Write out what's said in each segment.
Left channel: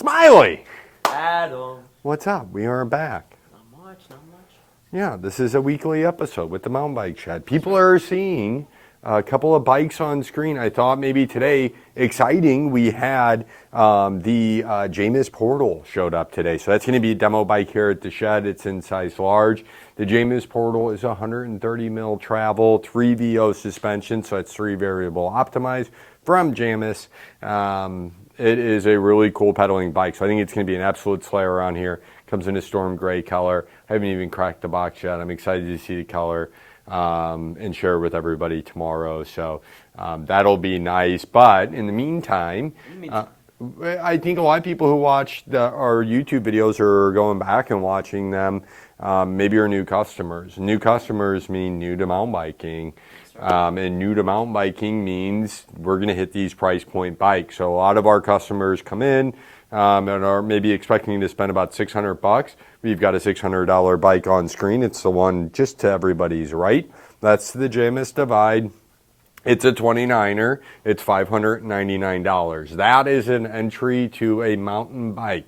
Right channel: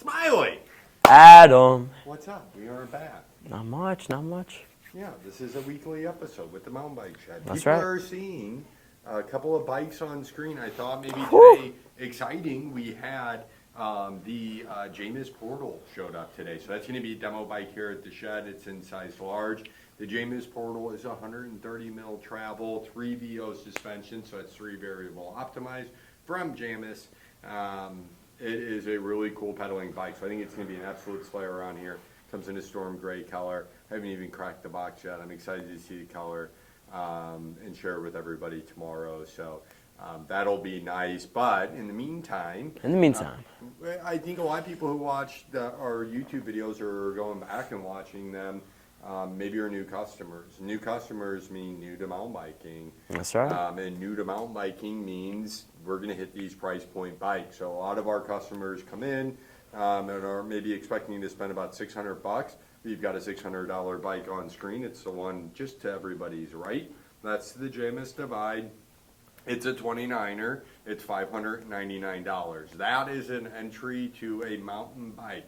Smiley! Adam. What's up? We are back. Not much, not much. Yeah, this is a weekly episode with the Mountain Bike Shed. That's People right. are seeing a couple of bikes on screen. I thought maybe today, exciting, we had the Jamis Portal showed up today. So that's going to be a demo bike here at the shed. It's in size large. The Jamis Portal is 130 mil travel, 3 VO suspension, so it's 3 variable optimized from Jamis. It is a really cool pedaling bike, so I think it's going to be an absolute slayer around here. Comes in a storm gray color. I haven't even cracked the box yet. I'm excited to see the color and share it with everybody tomorrow. So that'll be nice. But in the meantime, I think a lot of people who watch our YouTube videos are going back and watching them. Maybe are new customers. New customers mean new to mountain biking. That's right. And new to mountain biking means we're going to hit these price point bikes. So a lot of our customers come in and are maybe expecting to spend about $600. We've got a $600 bike on screen. It's the one just to everybody's right. That's the Jamis Divide. It's a 29er. It's $599. That is an entry to a mountain bike.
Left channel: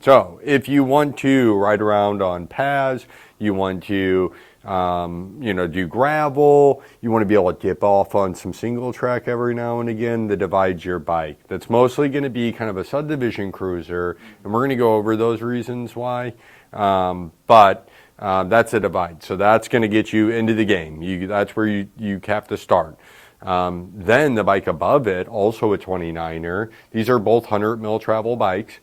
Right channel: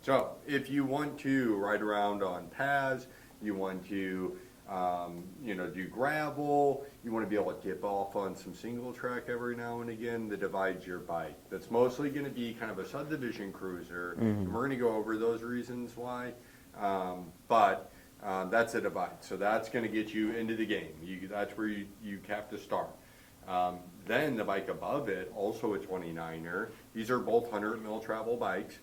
So if you want to ride around on paths, you want to do gravel, you want to be able to dip off on some single track every now and again, the Divide's your bike. That's mostly going to be kind of a subdivision cruiser, and we're going to go over those reasons why. But that's a Divide. So that's going to get you into the game. That's where you have to start. Then the bike above it, also a 29er. These are both 100 mil travel bikes.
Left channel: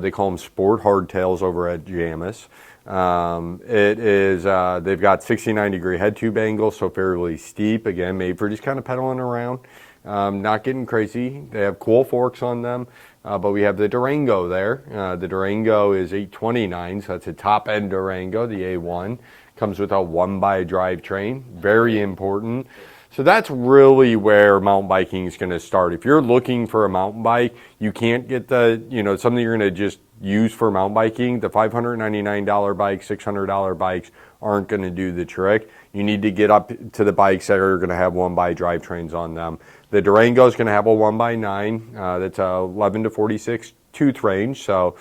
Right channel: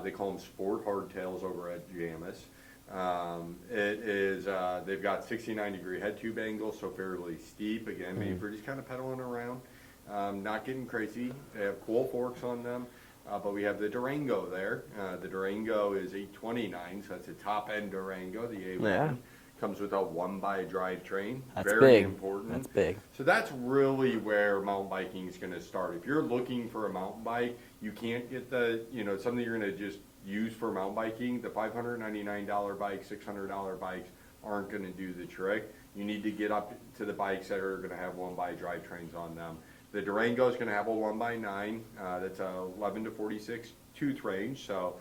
They call them sport hardtails over at Jamis. They've got 69-degree head tube angle, so fairly steep. Again, made for just kind of pedaling around, not getting crazy. They have cool forks on them, but we have the Durango there. The Durango is 829, so that's a top-end Durango, the A1. Yeah. Comes with a 1x drivetrain, very big. Important. That's big. So that's really where mountain biking is going to start. If you're looking for a mountain bike, you can't get something you're going to just use for mountain biking. The $599 bikes, $600 bikes aren't going to do the trick. You need to get up to the bikes that are going to have 1x drivetrains on them. The Durango is going to have a 1x9 that's 11 to 46 tooth range, so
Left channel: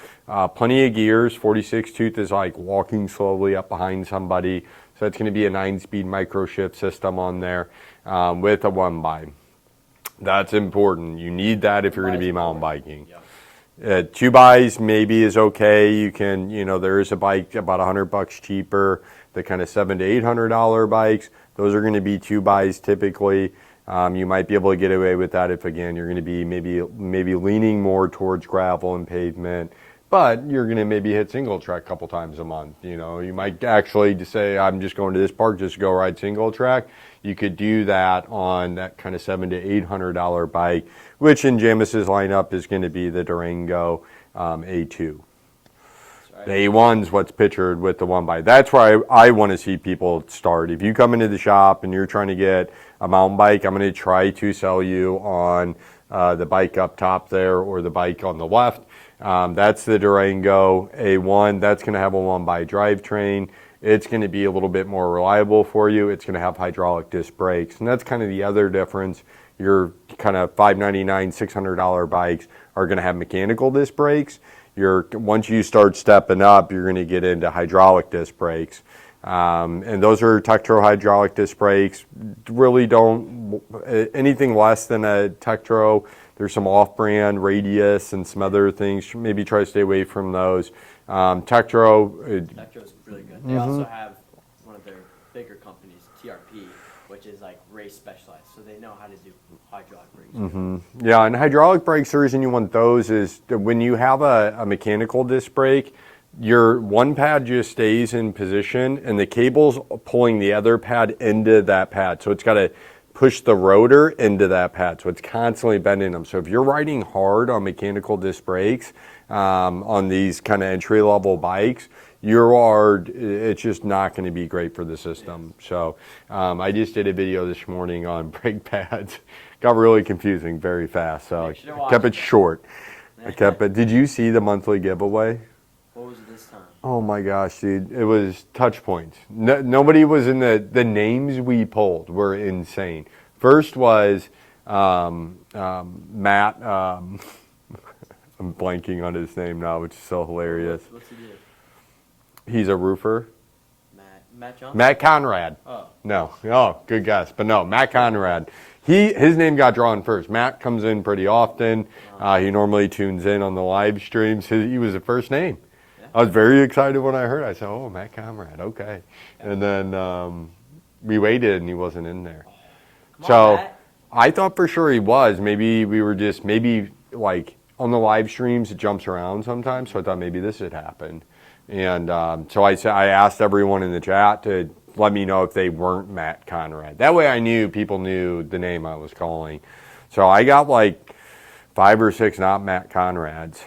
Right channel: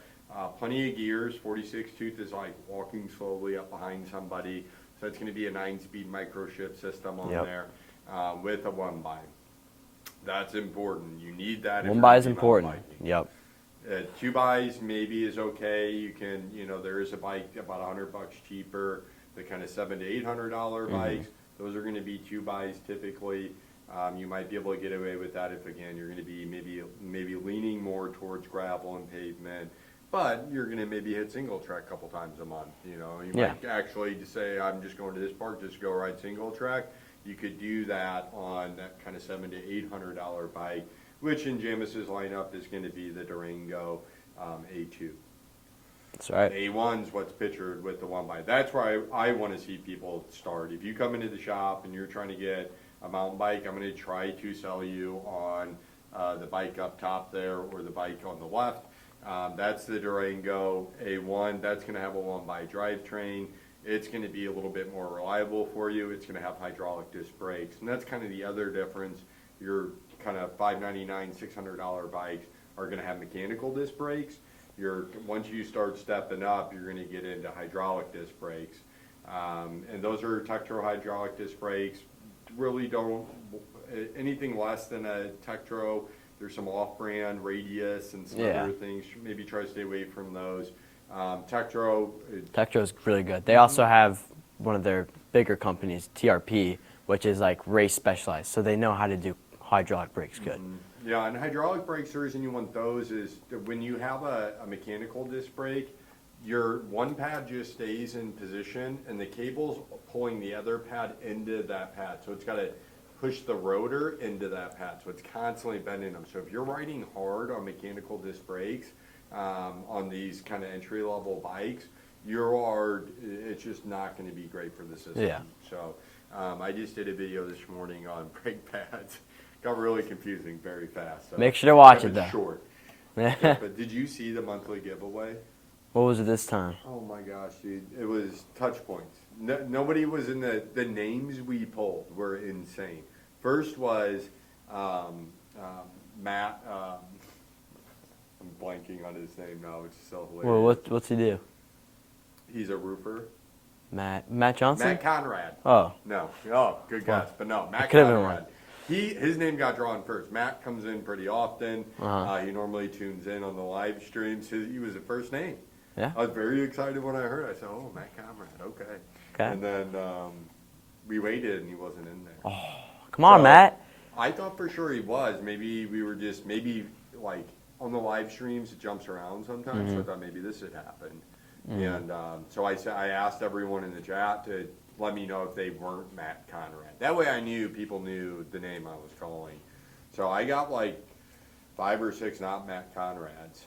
plenty of gears. 46 tooth is like walking slowly up behind somebody, so it's going to be a 9-speed micro shift system on there with a 1x. That's important. You need that if you're going to be mountain biking. Yep. 2x maybe is okay. You can, there is a bike about $100 cheaper, the kind of $700 to $800 bikes. Those are going to be 2x typically. You might be able to get away with that if, again, you're going to be maybe leaning more towards gravel and pavement, but you're going to maybe hit single track a couple times a month. You might actually just say, I'm just going to this park, just go ride single track. You could do that on that kind of $700 to $800 bike, which in Jamis's lineup is going to be the Durango A2. That's right. The A1's what's pictured with the 1x. That's where I want to see people start. If you come into the shop and you're trying to get a mountain bike, I'm going to try to sell you on the bike up top there or the bike on the left. That's the Durango A1. That's going to have a 1x drivetrain. It's going to be a little bit more reliable for you. It's going to have hydraulic disc brakes. And that's kind of the other difference. Your kind of $599, $600 bikes are going to have mechanical disc brakes. Once you start stepping up, you're going to get into hydraulic disc brakes. And those are Tektro hydraulic disc brakes. Really don't, anything less than a Tektro, there's some off-brand Radius and some other things. Maybe try to stay away from those. Tektro's really good. They also have one of their bigger companies, TRP, which is like race specialized. So they know how to do hydraulic brakes good. Yeah, and hydraulic brakes, the reason you want those is when you have a mechanical disc brake, your one pad just stays in position and the cable's pulling the other pad into that pad. So it's got to push the rotor into that pad. So it's constantly bending them. So if you're riding hard on mechanical disc brakes on these kind of entry-level bikes, it's just not going to be great for the system. Yeah. So I just did a video this morning on brake pads. Got really confusing very fast. So make sure to watch it. Kept it short. But did you see the monthly giveaway? What was it this time? Oh my gosh, dude. It was touch points. Nobody was in the names we pulled were insane. First was Matt, I'm blanking on his name now, which is so Well, hilarious. what's he do? He's a roofer. Matt Johnson? Matt Conrad. Oh. No. Oh, good guess. But no, Matt Could've been Conrad. His name got drawn first. Matt comes in pretty often. Uh-huh. He normally tunes in on the live streams. He was the first name. Yeah. I was very excited when I heard it. I said, oh, Matt Conrad, okay. Okay. And then we waited and he wasn't in there. Come on, Matt. I thought for sure he was. Maybe we were just, like on the live streams, it jumps around sometimes. So I thought maybe this had happened. And so I asked everyone in the chat to let me know if they weren't Matt Conrad. That way I knew people knew the name I was calling. So I got like 5 or 6 not Matt Conrads.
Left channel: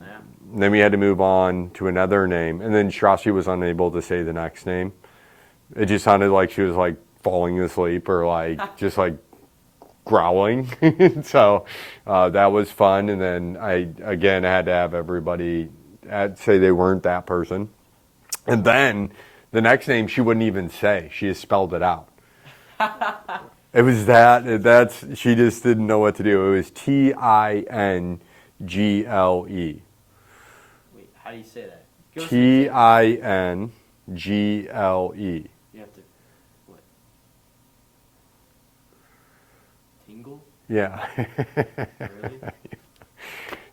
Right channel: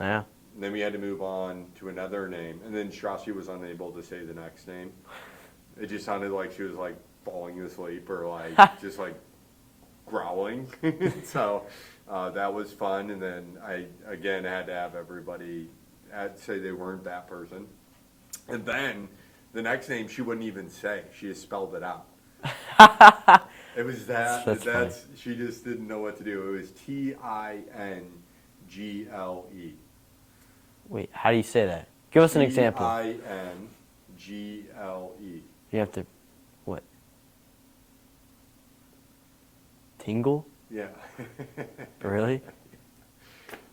Yeah. And then we had to move on to another name. And then Strassi was unable to say the next name. It just sounded like she was like falling asleep or like just like growling. So that was fun. And then I had to have everybody say they weren't that person. And then the next name she wouldn't even say. She just spelled it out. It was she just didn't know what to do. It was Tingle. Wait, how do you say that? Give us an example. Tingle. You have to, what? Tingle? Yeah. Really?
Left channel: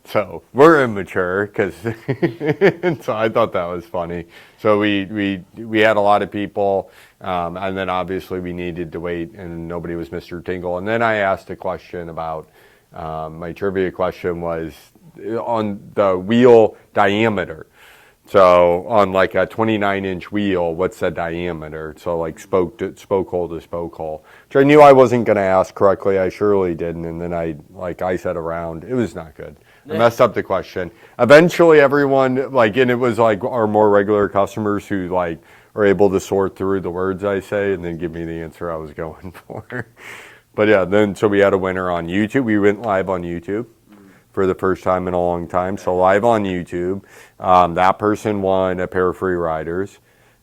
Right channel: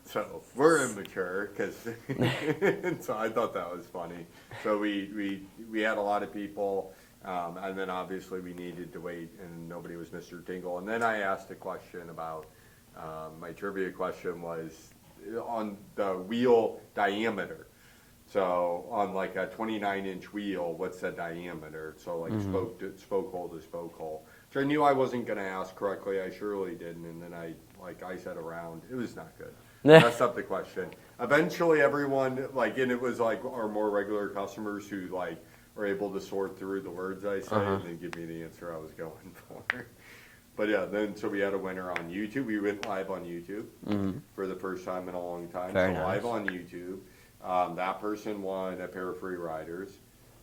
So we're immature so I thought that was funny. So we had a lot of people, and then obviously we needed to wait, and nobody was Mr. Tingle. And then I asked a question about my trivia question was on the wheel diameter. So on like a 29-inch wheel, what's the diameter? So like spoke hole to spoke hole. Which I knew I wasn't going to ask correctly. I surely didn't. And then I said around. It was not good. I messed up the question. Eventually everyone, and it was like our more regular customers who like are able to sort through the words I say and then give me the answer I was going for. But yeah, so we had a winner on YouTube. We went live on YouTube for the first time in a long time. Very so nice. live on YouTube. That person won a pair of free riders.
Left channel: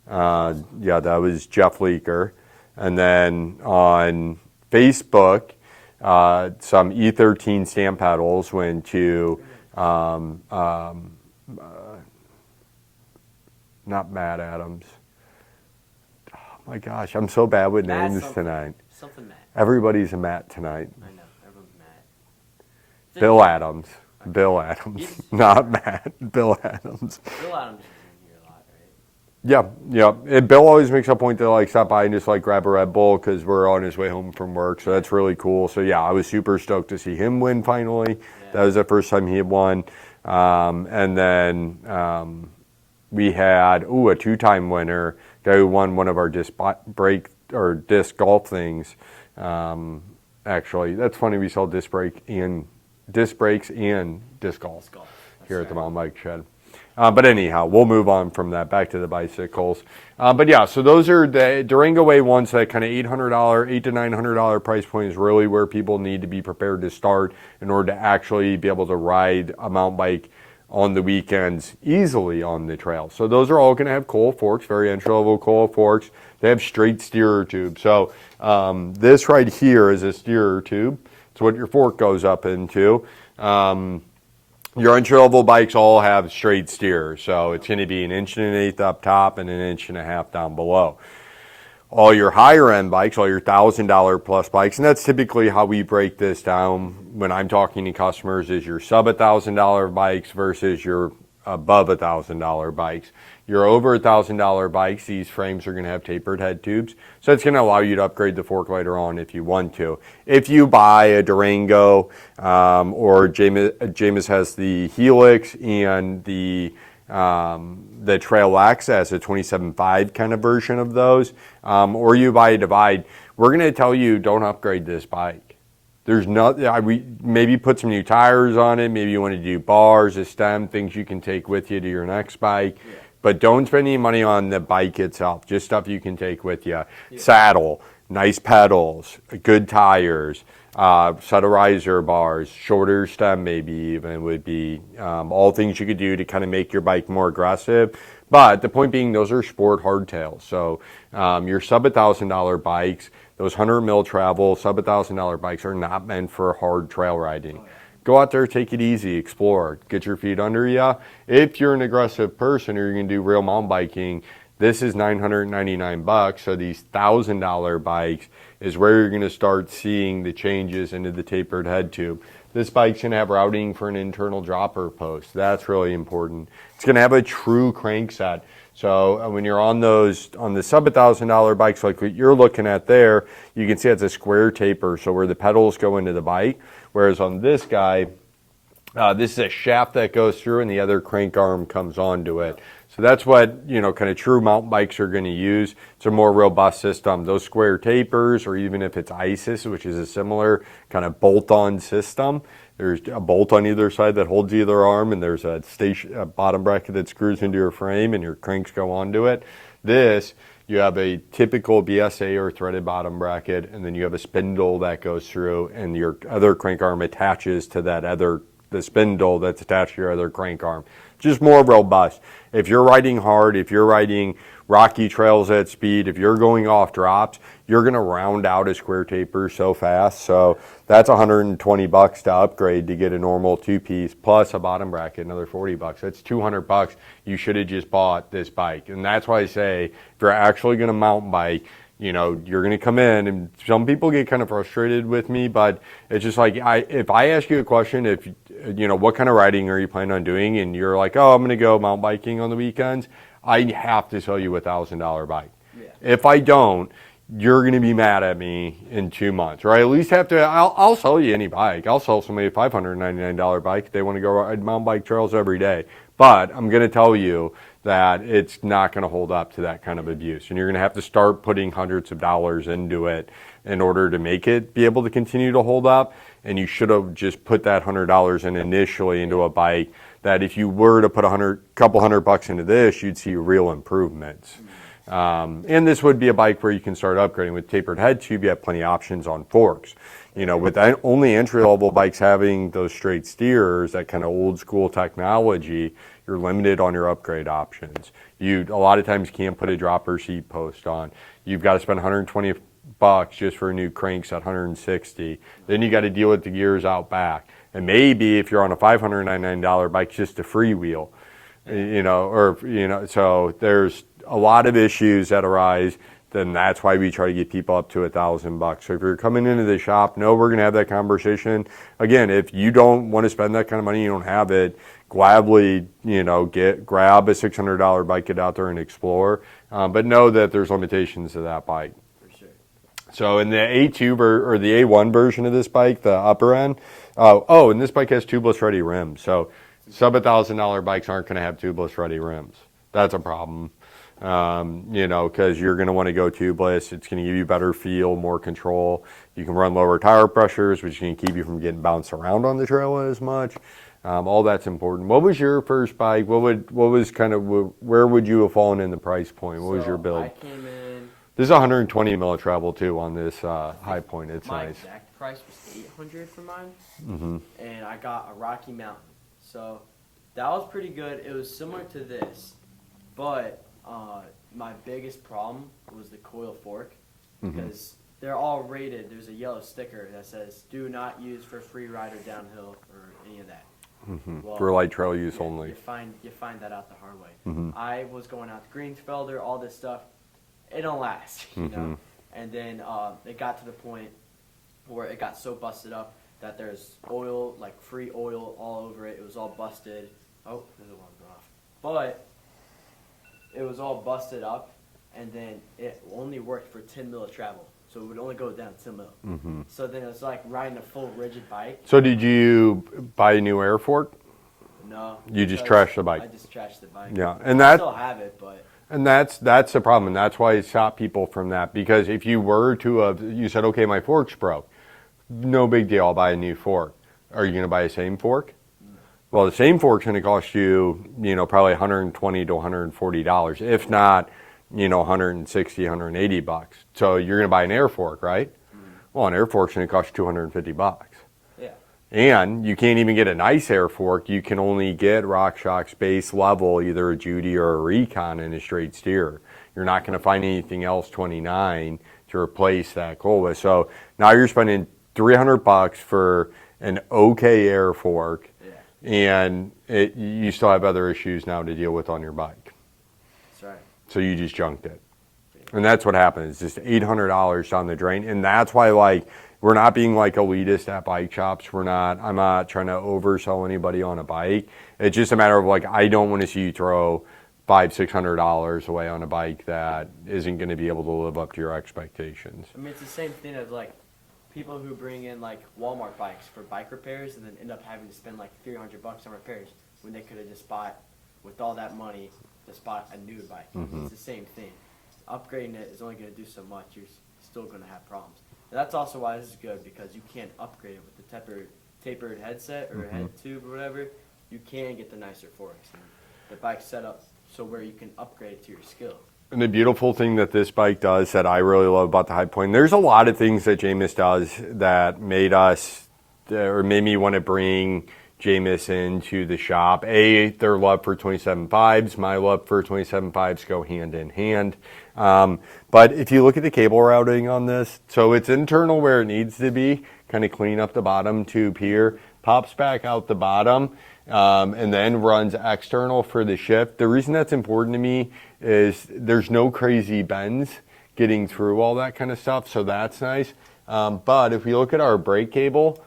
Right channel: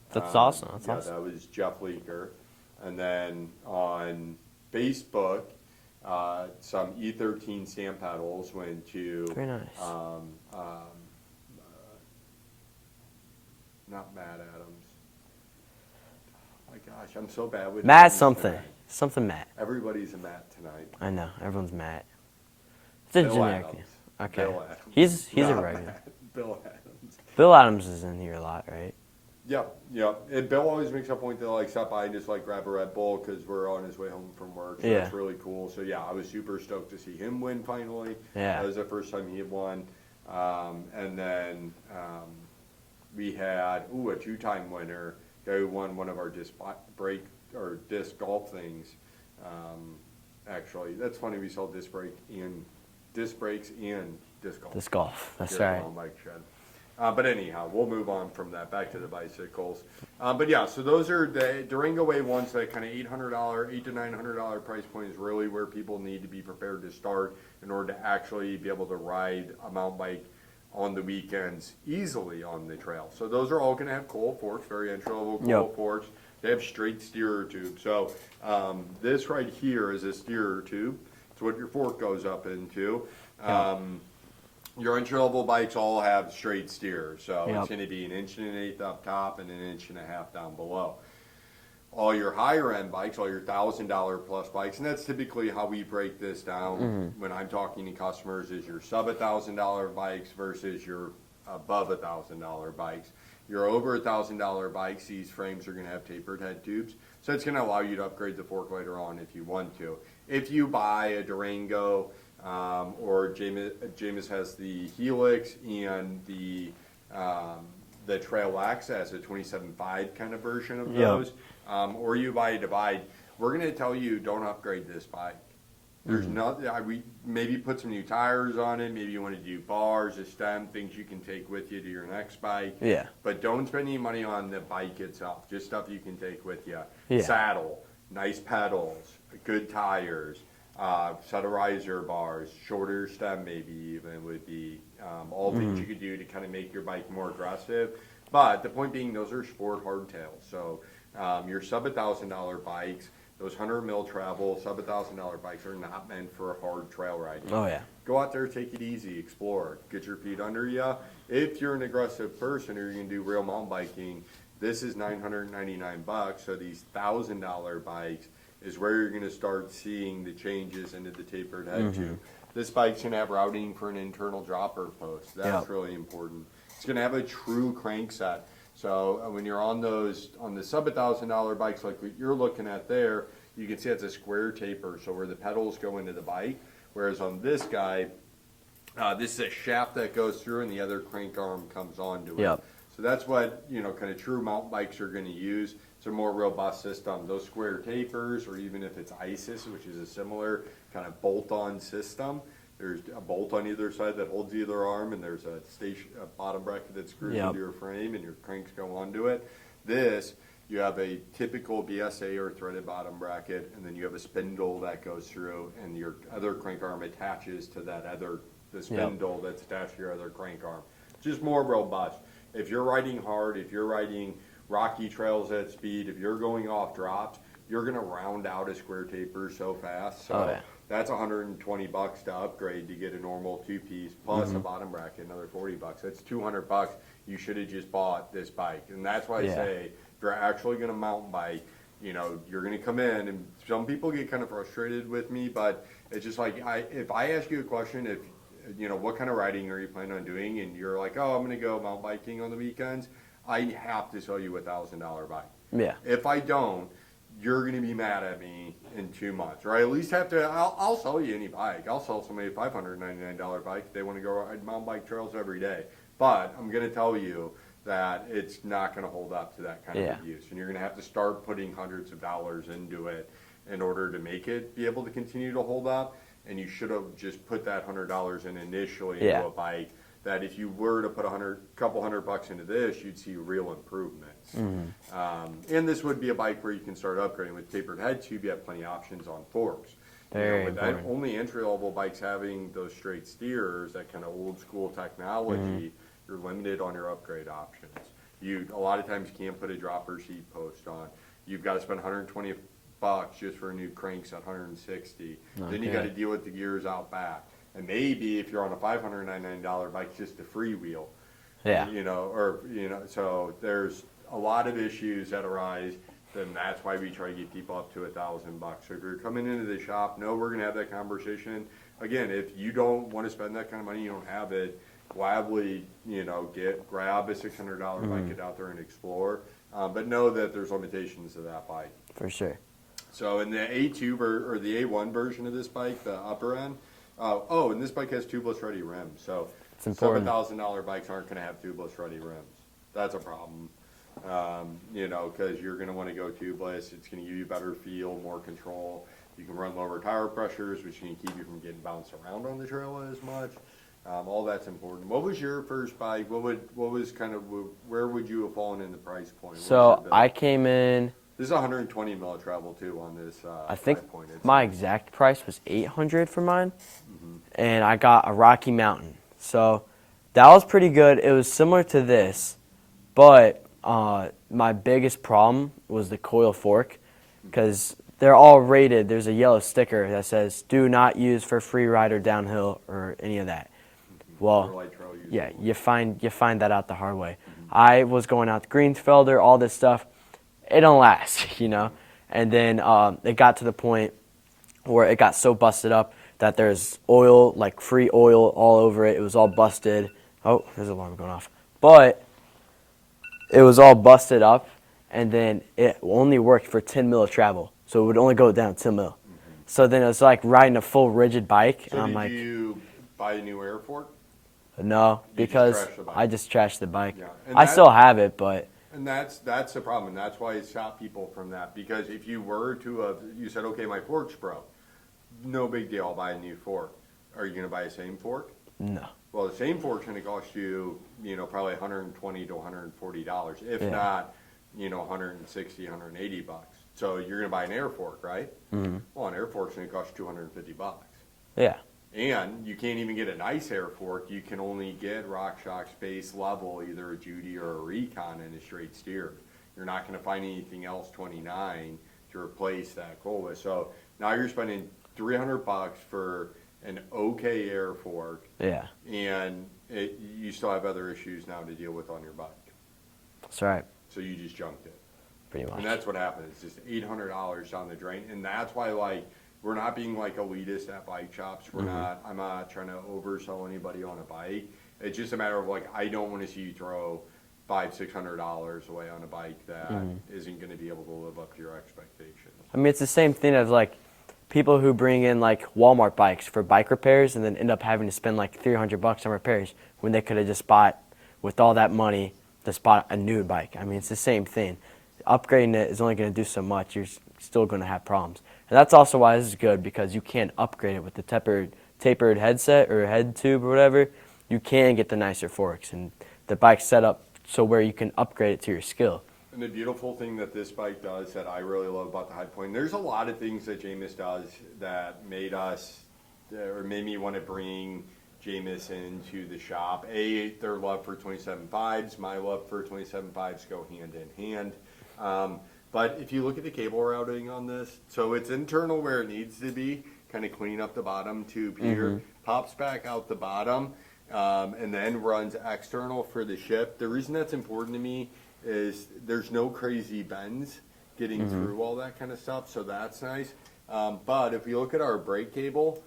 That's awesome. That's yeah, awesome. that was Jeff Leaker. And then on Facebook, some E13 stamp pedals went to Very nice. not Matt Adams. Oh my gosh, I'm so bad with Matt names something. tonight. Something Matt. Everybody's a Matt tonight. I know. Everyone's Matt. It's a Bill joke. Adams. Okay. Bill Adams. He's not right. Matt. Bill Adams. Bill Adams is in here a lot, right? Yeah. And Bill always makes a point to like stop by and just like grab a Red Bull because we're on his way home from work. So that's Yeah. really cool. So yeah, I was super stoked to see him win finally. Yeah. That was the first time he had won. And then we had a 2-time winner, guy who won one of our disc golf things. Actually, that's funny. We sell disc brakes and disc golf. Disc golf. That's Here at the right. Mountain Bike Shed. But anyhow, we'll move on from that back to the bicycles. But yeah, so those are the Durango A1s, that kind of $800 to $900 price point is really where people need to be prepared to start in order to actually be able to ride a mountain bike on the weekends easily on the trail. So those are all going to have coil forks, very entry-level coil forks. They have straight steerer tubes. So this right here is a steerer tube. It's what your fork goes up into. Your entry-level bikes all have straight steers, so it's going to be 1 1/8 inch up top and 1.5 inches down below. All your higher-end bikes, all your $1,000 plus bikes, and that's typically how we break this down when I'm talking to customers, is your sub $1,000 bikes versus your above $1,000 bikes. Your over $1,000 bikes, these frames are going to have tapered head tubes, so it's going to allow you to upgrade the fork later on if you want to. If you buy a Durango, or Jameis has the Helix and the Trail Access, a 27.5 kind of version of those, or you buy a Divide, we're going to tell you don't upgrade this bike. There's we maybe put some new tires on it. Maybe you want to do bars, a stem, things you can take with you to your next bike. Yeah. But don't spend any money on the bike itself. Just stuff you can take with you. Yeah. Saddle, nice pedals, good tires, set of riser bars, shorter stem maybe even would be all things you could do to kind of make your bike more aggressive. But the point being, those are sport hardtails. So your sub $1,000 bikes, those 100 mil travel sub $1,000 bikes are not meant for hard trail riding. Oh, yeah. go out there, take it easy, explore, get your feet under you. If you're an aggressive person or you're going to do real mountain biking, this is $999. So these $1,000 bikes is where you're going to start seeing the changes into the tapered head tube. This bike's going to have routing for an internal dropper post. That's really important. It's going to have a true crank set. So when you're on the sub $1,000 bikes like what you're looking at there, you can see it's a square taper, so where the pedals go into the bike. Whereas on this guy, this is a shaft that goes through and the other crank arm comes onto it. So that's what, kind of true mountain bikes are going to use. It's a more robust system. Those square tapers, or even if it's ISIS, which is a similar kind of bolt-on system, there's a bolt on either side that holds either arm, and there's a bottom bracket that screws into your frame, and your cranks go onto it. This, you have a typical BSA or threaded bottom bracket, and then you have a spindle that goes through, and your other crank arm attaches to the spindle that's attached to your other crank arm. Just more robust. If you're riding hard, if you're riding rocky trails at speed, if you're going off drops, you're going to round out a square taper so fast. So that's $120 to upgrade to get a normal two-piece plus a bottom bracket, another $40. That's $200. You should have just bought this bike. And that's why I say, if you're actually going to mountain bike, you're going to come in, and some people get kind of frustrated with me, but it's just like, if I ask you a question, what kind of riding are you planning on doing? And you're like, oh, I'm going to go mountain biking on the weekends. I have to sell you a $1,000 bike. Yeah. If I don't, you're going to be mad at me in 2 months, or I at least have to, I'll sell you any bike. I'll sell somebody a $599 bike if they want to go ride mountain bike trails every day. But I'm going to tell you that it's not going to hold up to that kind of abuse. And you're going to have to start putting hundreds of dollars into it in order to make it be able to continue to hold up. And you should have just put that $100 in initially into a bike that if you were to put couple $100 into this, you'd see real improvements. And this would be a bike where you can start upgrading. With tapered head tube, you have plenty of options on forks. With only entry-level bikes having those straight steers, that kind of old school technology, you're limited on your upgrade options. A lot of times you can't put a dropper seat post on. You've got to spend $120 just for a new crankset, $160. Then you got to deal with the gears out back. And maybe if you're on a $599 bike, just a freewheel, so there's a lot of issues that arise. Then that's why we try to get people up to $1,000. So if you're coming into the shop, we're going to have that conversation. Again, if you don't want to spend that kind of money, you don't have it, gladly, grab a $600 bike, get out there and explore. But know that there's limitations to that bike. For sure. So in the A2 or the A1 version of this bike, the upper end, and this bike has tubeless ready rims. So sub $1,000 bikes aren't going to have tubeless ready rims. That's a problem, because you're going to want to go tubeless. It's going to give you better feel, more control. You can run lower tire pressures, which can keep you from getting bounced around on the trail as much. All that's important. What was your first bike? Where would you have fallen in the price point? What was your build? I came in. This is 120 mil travel too on this high point. It's my nice. Exact price was $800 for mine, and I got a Rocky Mountain. So that was pretty good. It was similar to this, but my biggest problem was the coil fork, because they're all rated. There's a yellow sticker that says "Do not use for free ride or downhill" or any of that. Well, for light trail use only. You find that out the hard way. I was going out to Greensfelder, all this stuff. It don't last, And then it got to the point where it got so busted up that there's oil, like free oil all over it. It was all busted. Oh, there's an alarm going off. But it was all busted up, and then it only worked for 10 mil of travel. So it would only go down 10 mil. So then it was like riding a full rigid bike. So did you buy a new air fork? No. You just trashed the bike? I just trashed the bike. Yeah. And I still have it, but... And that's the problem, and that's why it stopped people from that. Because if you were to you said, okay, my fork's broke, no big deal, I'll buy a new fork. Are you going to buy the same fork? No. Well, the same fork's going to cost you, probably $120 to $140, if not, $160, $180. So you're going to buy an air fork, right? Well, an air fork's going to cost you $250. Yeah. And you can't even get a nice air fork. You can only get RockShox base level, either a Judy or a Recon in a straight steer. You're not going to find anything else 29 to replace that coil with. So now you're spending $300 for an okay air fork, Yeah, and you still have other issues now to deal with on your bike. that's right. So you just junked it. Pretty much. And that's what happened. It's just $800 down the drain. And that's why, like, we're not being like elitist at bike shops. I'm not trying to oversell anybody on a bike. It's just a matter of like, I don't want to see you throw $500-600 away on a bike that isn't going to be able to live up to your expectations. I mean, it's the same thing as like people who bring in like Walmart bikes for bike repairs and then end up having to spend like $300 on repairs when they could have just bought, with all that money, just bought a new bike. I mean, it's the same thing. Upgrading it is only going to do so much. You're still going to have problems. And that's also why this is good, because you can't upgrade it with the tapered headset or head tube or whatever. You can get the nicer forks, and the bike's set up so where you can upgrade it to your skill. And the beautiful thing that this bike does that I really love about the High Point, there's a lot of things that Jamis does that made me want to bring Jamis into the shop. Their love for 27.5s, my love for 27.5s go hand in hand. But if you look at the cable routing on this, so it's internal where it needs to be, kind of clean up the bottom tube here, pops back out the bottom, and then runs external for the shift. The reason that's important to me is there's no crazy bends getting through all that kind of stuff, so that's nice. But if we look at our brake cable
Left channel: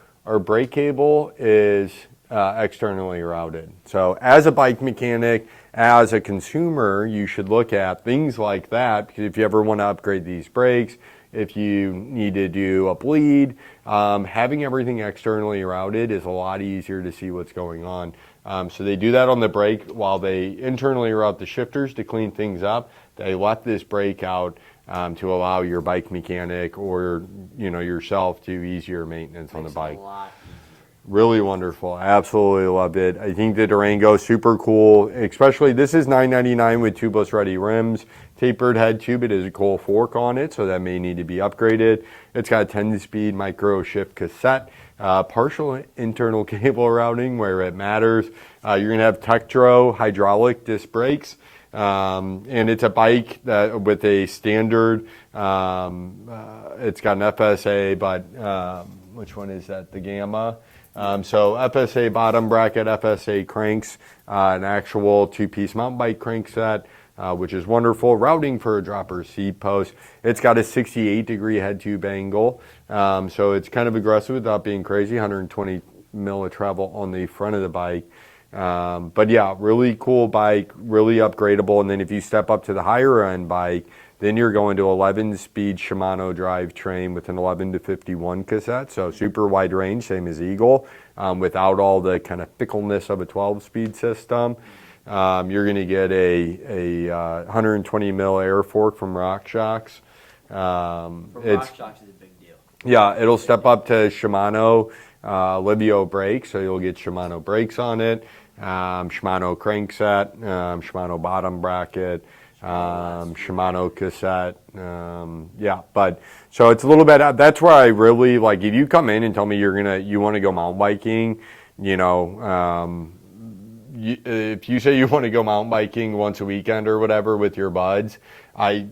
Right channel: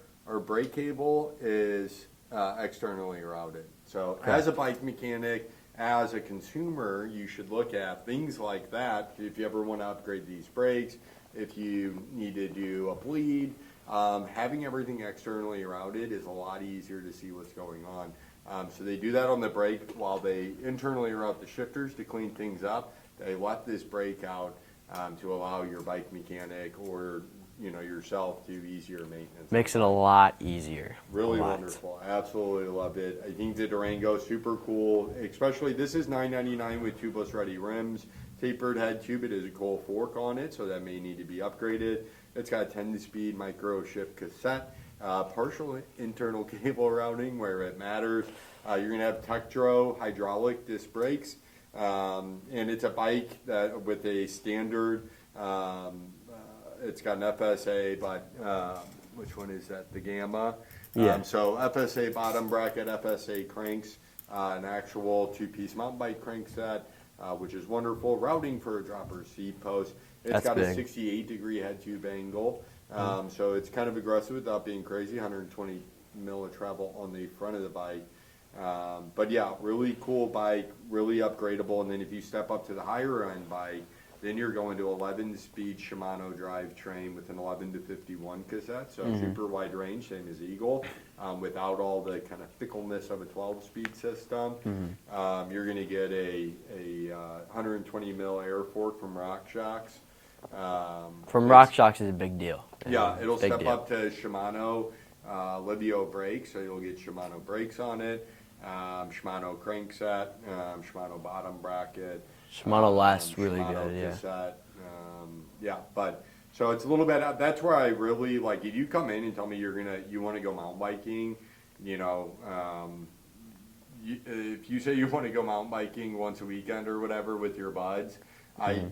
is externally routed. So as a bike mechanic, as a consumer, you should look at things like that, because if you ever want to upgrade these brakes, if you need to do a bleed, having everything externally routed is a lot easier to see what's going on. So they do that on the brake while they internally route the shifters to clean things up. They let this brake out to allow your bike mechanic or yourself to easier maintenance. Makes it a lot easier. Really wonderful. Absolutely loved it. I think the Durango super cool. Especially this is $999 with tubeless ready rims, tapered head tube. It is a cool fork on it, so that may need to be upgraded. It's got a 10-speed micro shift cassette, partial internal cable routing where it matters. You're gonna have Tektro hydraulic disc brakes. And it's a bike that with a standard, it's got an FSA, but which one is that? The Gamma. Yeah. So FSA bottom bracket, FSA cranks, an actual two-piece mountain bike crank set, which is wonderful. Routing for a dropper seat post. It's got a 68-degree head tube angle, so it's kind of aggressive without being crazy. 120 mil of travel on the front of the bike. But yeah, really cool bike, really upgradable. And then if you step up to the higher end bike, then you're going to 11-speed Shimano drivetrain with an 11 to 51 cassette. So super wide range, same as Eagle, without all the kind of fickleness of a 12-speed system. You're going to get a 120 mil air fork from RockShox. RockShox is a big deal. Yeah, it'll step up to Shimano Livio brakes, so you'll get Shimano brakes on it. Shimano crankset, Shimano bottom bracket, Shimano cassette. Yeah, but so it's a little bit. That's where I really like. If you come in and tell me you want to go mountain biking, if you say you want to go mountain biking once a weekend or whatever with your buds,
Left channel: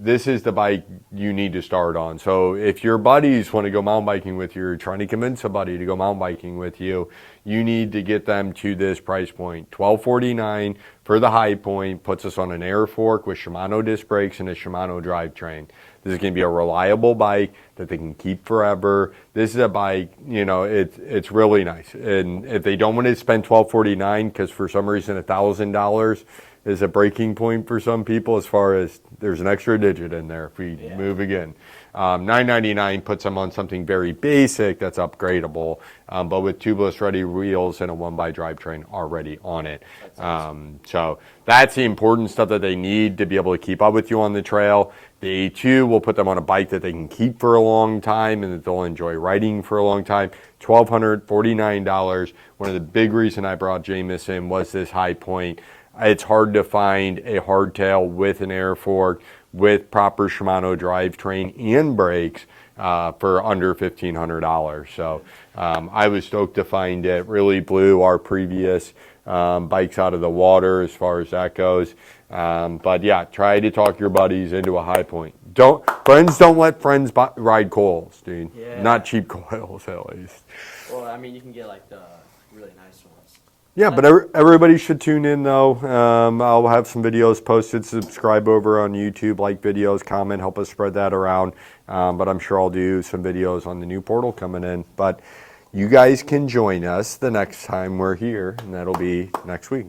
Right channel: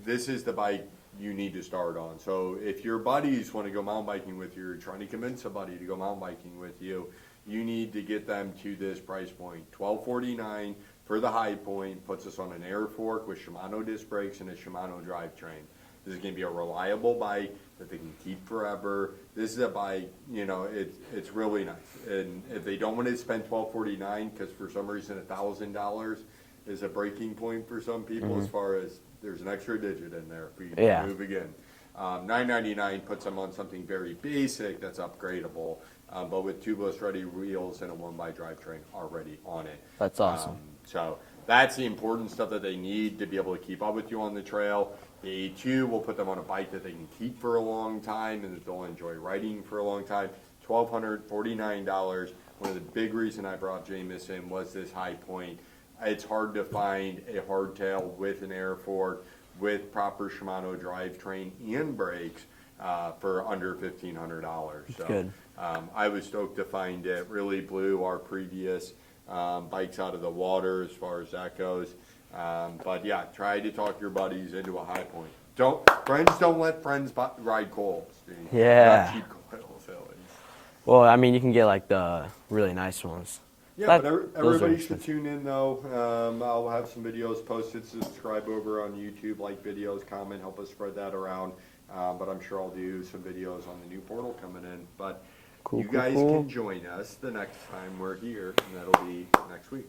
this is the bike you need to start on. So if your buddies want to go mountain biking with you, you're trying to convince somebody to go mountain biking with you, you need to get them to this price point. $1,249 for the High Point puts us on an air fork with Shimano disc brakes and a Shimano drivetrain. This is going to be a reliable bike that they can keep forever. This is a bike, it's really nice. And if they don't want to spend $1,249, because for some reason $1,000 is a breaking point for some people, as far as there's an extra digit in there if we move again. $999 puts them on something very basic that's upgradable, but with tubeless ready wheels and a 1x drivetrain already on it. That's awesome. So that's the important stuff that they need to be able to keep up with you on the trail. The A2 will put them on a bike that they can keep for a long time and that they'll enjoy riding for a long time. $1,249. One of the big reasons I brought Jamis in was this High Point. It's hard to find a hardtail with an air fork, with proper Shimano drivetrain and brakes for under $1,500. So I was stoked to find it. Really blew our previous bikes out of the water as far as that goes. But yeah, try to talk your buddies into a High Point. Friends don't let friends ride coils, dude. Yeah. Not cheap coils, at least. Well, I mean, you can get like the really nice ones. Yeah, That- but everybody should tune in though. I'll have some videos posted. Subscribe over on YouTube, like videos, comment, help us spread that around. But I'm sure I'll do some videos on the new portal coming in. But you guys can join us the next time we're here, and that'll be next week.